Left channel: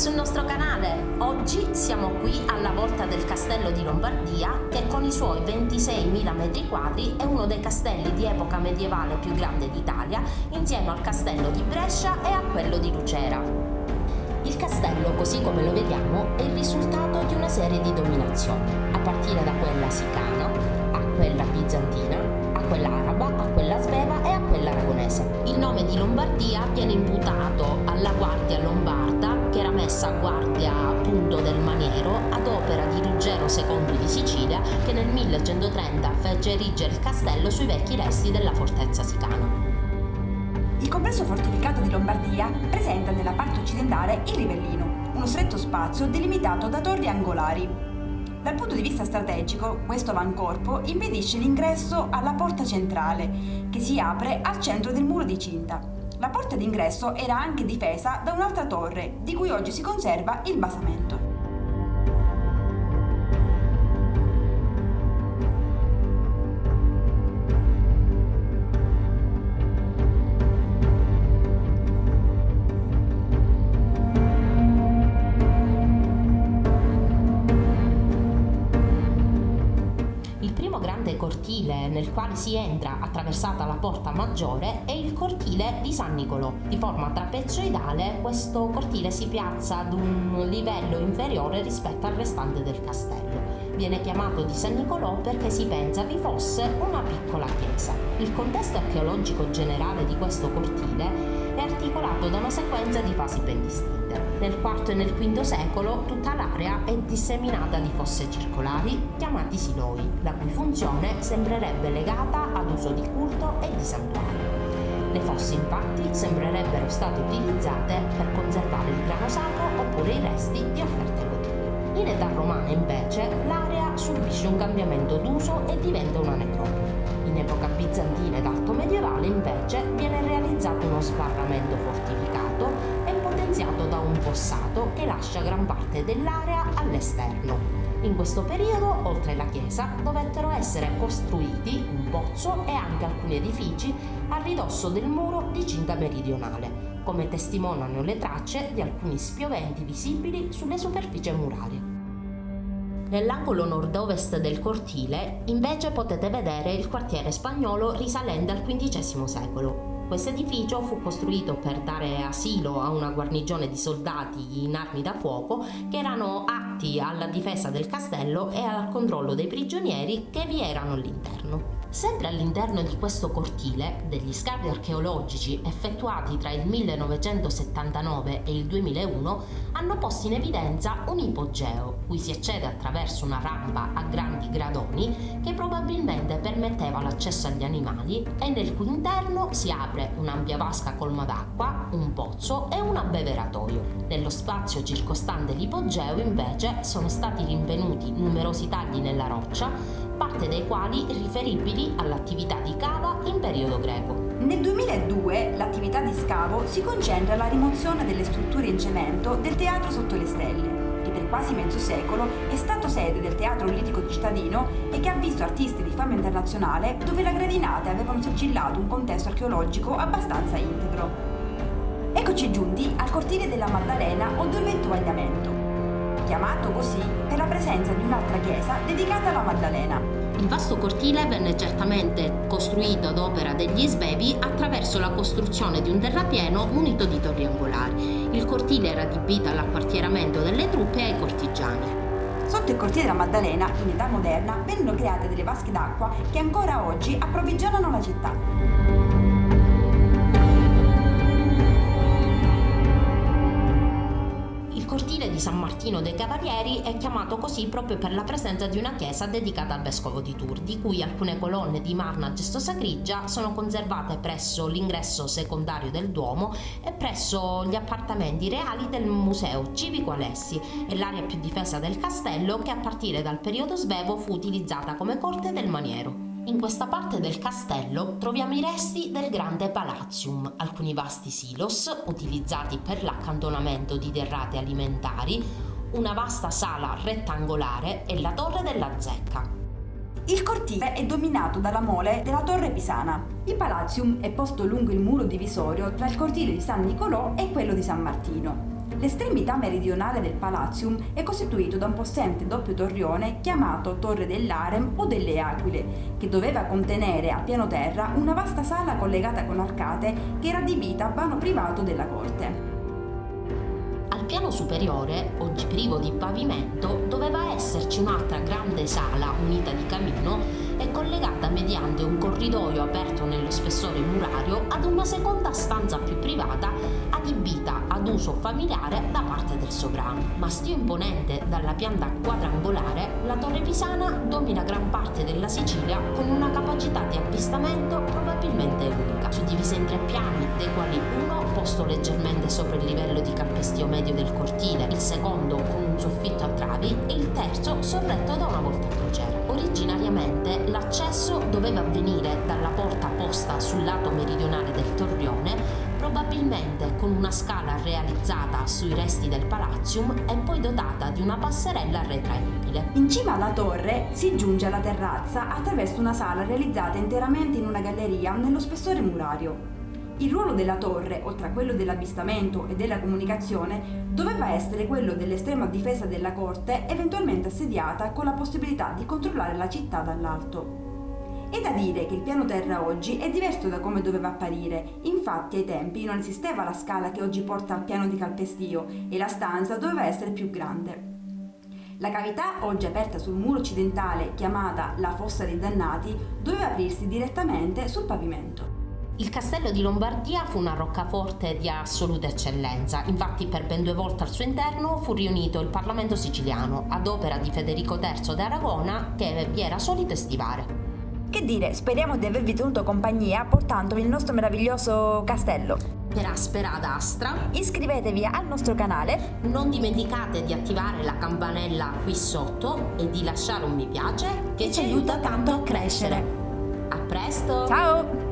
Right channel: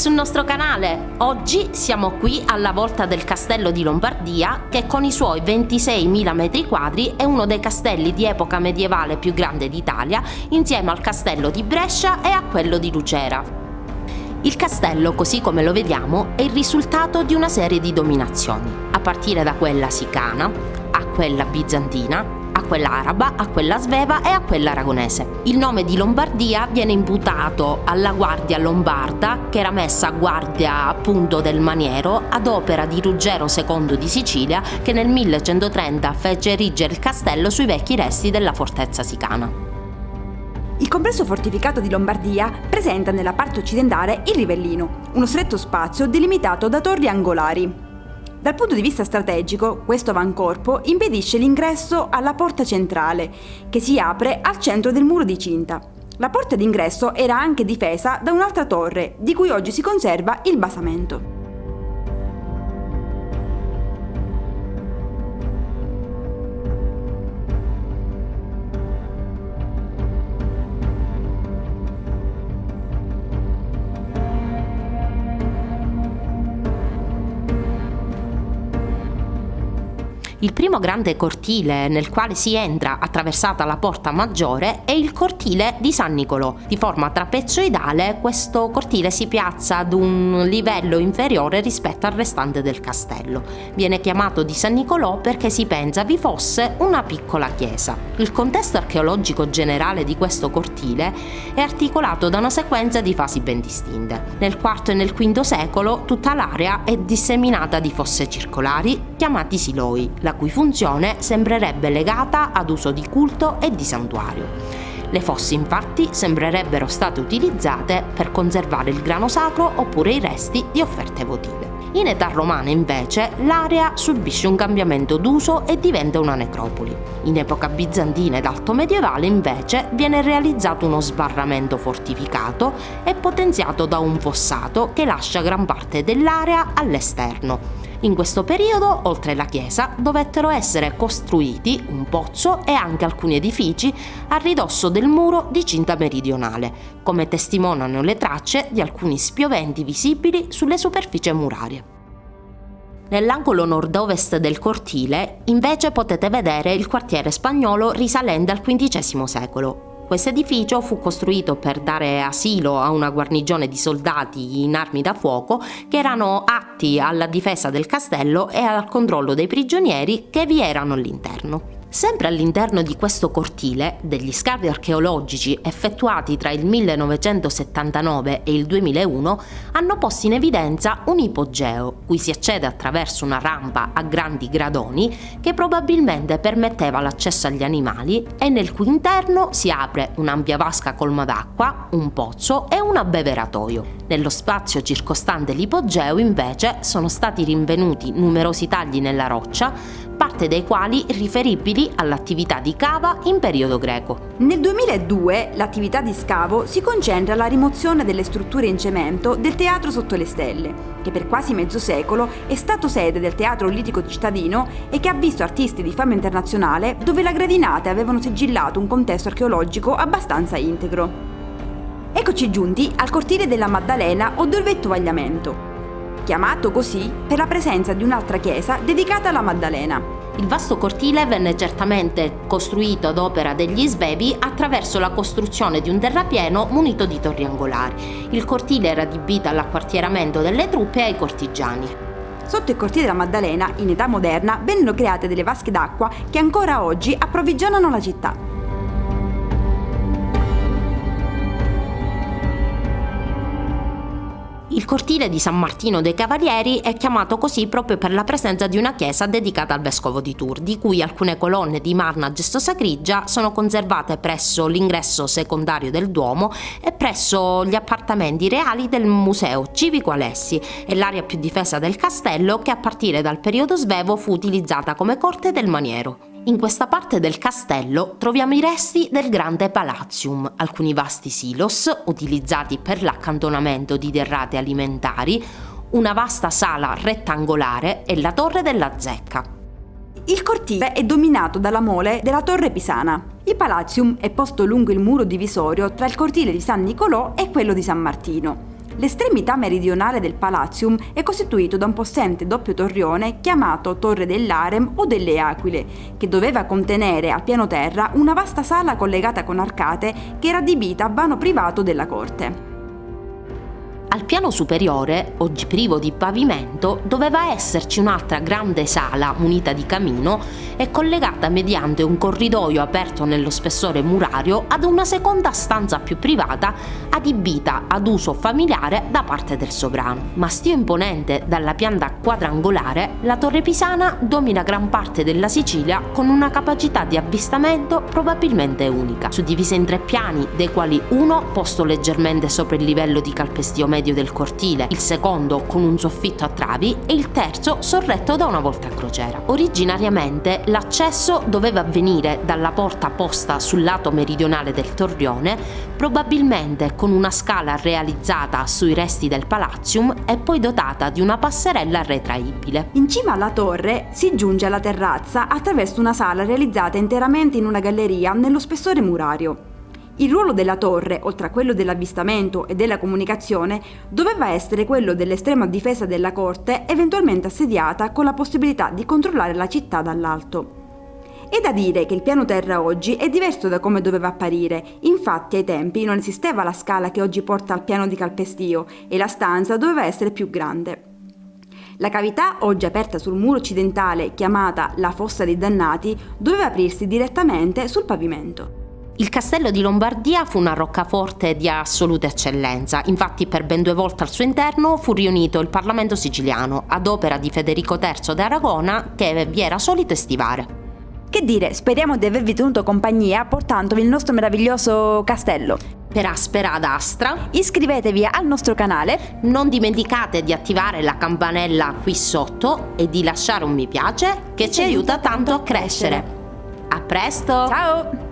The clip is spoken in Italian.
sul nostro canale! Oggi siamo qui alla volta del castello di Lombardia, che con i suoi 26.000 metri quadri è uno dei castelli di epoca medievale più grande d'Italia, insieme al castello di Brescia e a quello di Lucera. Il castello, così come lo vediamo, è il risultato di una serie di dominazioni, a partire da quella sicana, a quella bizantina, a quella araba, a quella sveva e a quella aragonese. Il nome di Lombardia viene imputato alla guardia lombarda, che era messa a guardia appunto del maniero ad opera di Ruggero II di Sicilia, che nel 1130 fece erigere il castello sui vecchi resti della fortezza sicana. Il complesso fortificato di Lombardia presenta nella parte occidentale il Rivellino, uno stretto spazio delimitato da torri angolari. Dal punto di vista strategico, questo avancorpo impedisce l'ingresso alla porta centrale, che si apre al centro del muro di cinta. La porta d'ingresso era anche difesa da un'altra torre, di cui oggi si conserva il basamento. Il primo grande cortile nel quale si entra attraversata la porta maggiore è il cortile di San Nicolò. Di forma trapezoidale, questo cortile si piazza ad un livello inferiore rispetto al restante del castello. Viene chiamato di San Nicolò perché si pensa vi fosse una piccola chiesa. Il contesto archeologico generale di questo cortile è articolato da una sequenza di fasi ben distinte. Nel IV e nel V secolo tutta l'area è disseminata di fosse circolari chiamati siloi, la cui funzione sembrerebbe legata ad uso di culto e di santuario. Le fosse infatti sembrerebbero state utilizzate per conservare il grano sacro oppure i resti di offerte votive. In età romana invece l'area subisce un cambiamento d'uso e diventa una necropoli. In epoca bizantina ed alto medievale invece viene realizzato uno sbarramento fortificato e potenziato da un fossato che lascia gran parte dell'area all'esterno. In questo periodo, oltre la chiesa, dovettero essere costruiti un pozzo e anche alcuni edifici a ridosso del muro di cinta meridionale, come testimoniano le tracce di alcuni spioventi visibili sulle superfici murarie. Nell'angolo nord-ovest del cortile, invece, potete vedere il quartiere spagnolo risalente al XV secolo. Questo edificio fu costruito per dare asilo a una guarnigione di soldati in armi da fuoco che erano atti alla difesa del castello e al controllo dei prigionieri che vi erano all'interno. Sempre all'interno di questo cortile, degli scavi archeologici effettuati tra il 1979 e il 2001 hanno posto in evidenza un ipogeo, cui si accede attraverso una rampa a grandi gradoni che probabilmente permetteva l'accesso agli animali e nel cui interno si apre un'ampia vasca colma d'acqua, un pozzo e un abbeveratoio. Nello spazio circostante l'ipogeo invece sono stati rinvenuti numerosi tagli nella roccia, parte dei quali riferibili all'attività di cava in periodo greco. Nel 2002 l'attività di scavo si concentra alla rimozione delle strutture in cemento del Teatro Sotto le Stelle, che per quasi mezzo secolo è stato sede del Teatro Lirico Cittadino e che ha visto artisti di fama internazionale dove le gradinate avevano sigillato un contesto archeologico abbastanza integro. Eccoci giunti al cortile della Maddalena o Dolvetto Vagliamento, chiamato così per la presenza di un'altra chiesa dedicata alla Maddalena. Il vasto cortile venne certamente costruito ad opera degli svevi attraverso la costruzione di un terrapieno munito di torri angolari. Il cortile era adibito all'acquartieramento delle truppe e ai cortigiani. Sotto il cortile della Maddalena, in età moderna, vennero create delle vasche d'acqua che ancora oggi approvvigionano la città. Il cortile di San Martino dei Cavalieri è chiamato così proprio per la presenza di una chiesa dedicata al vescovo di Tours, di cui alcune colonne di marmo a gesto sacrigia sono conservate presso l'ingresso secondario del Duomo e presso gli appartamenti reali del Museo Civico Alessi e l'area più difesa del castello che a partire dal periodo svevo fu utilizzata come corte del maniero. In questa parte del castello troviamo i resti del grande Palatium, alcuni vasti silos utilizzati per l'accantonamento di derrate alimentari, una vasta sala rettangolare e la torre della zecca. Il cortile è dominato dalla mole della Torre Pisana. Il Palatium è posto lungo il muro divisorio tra il cortile di San Nicolò e quello di San Martino. L'estremità meridionale del Palatium è costituito da un possente doppio torrione chiamato Torre dell'Harem o delle Aquile, che doveva contenere al piano terra una vasta sala collegata con arcate che era adibita a vano privato della corte. Al piano superiore, oggi privo di pavimento, doveva esserci un'altra grande sala munita di camino e collegata mediante un corridoio aperto nello spessore murario ad una seconda stanza più privata adibita ad uso familiare da parte del sovrano. Mastio imponente dalla pianta quadrangolare, la torre pisana domina gran parte della Sicilia con una capacità di avvistamento probabilmente unica, suddivisa in 3 piani, dei quali uno posto leggermente sopra il livello di calpestio medio del cortile, il secondo con un soffitto a travi e il terzo sorretto da una volta a crociera. Originariamente l'accesso doveva avvenire dalla porta posta sul lato meridionale del torrione, probabilmente con una scala realizzata sui resti del Palatium e poi dotata di una passerella retraibile. In cima alla torre si giunge alla terrazza attraverso una sala realizzata interamente in una galleria nello spessore murario. Il ruolo della torre, oltre a quello dell'avvistamento e della comunicazione, doveva essere quello dell'estrema difesa della corte, eventualmente assediata con la possibilità di controllare la città dall'alto. È da dire che il piano terra oggi è diverso da come doveva apparire, infatti ai tempi non esisteva la scala che oggi porta al piano di calpestio e la stanza doveva essere più grande. La cavità, oggi aperta sul muro occidentale, chiamata la Fossa dei Dannati, doveva aprirsi direttamente sul pavimento. Il castello di Lombardia fu una roccaforte di assoluta eccellenza, infatti per ben 2 volte al suo interno fu riunito il Parlamento siciliano, ad opera di Federico III d'Aragona, che vi era solito estivare. Che dire, speriamo di avervi tenuto compagnia portandovi il nostro meraviglioso castello. Per Aspera ad Astra, Iscrivetevi al nostro canale, non dimenticate di attivare la campanella qui sotto e di lasciare un mi piace che ci aiuta tanto a crescere. A presto! ciao!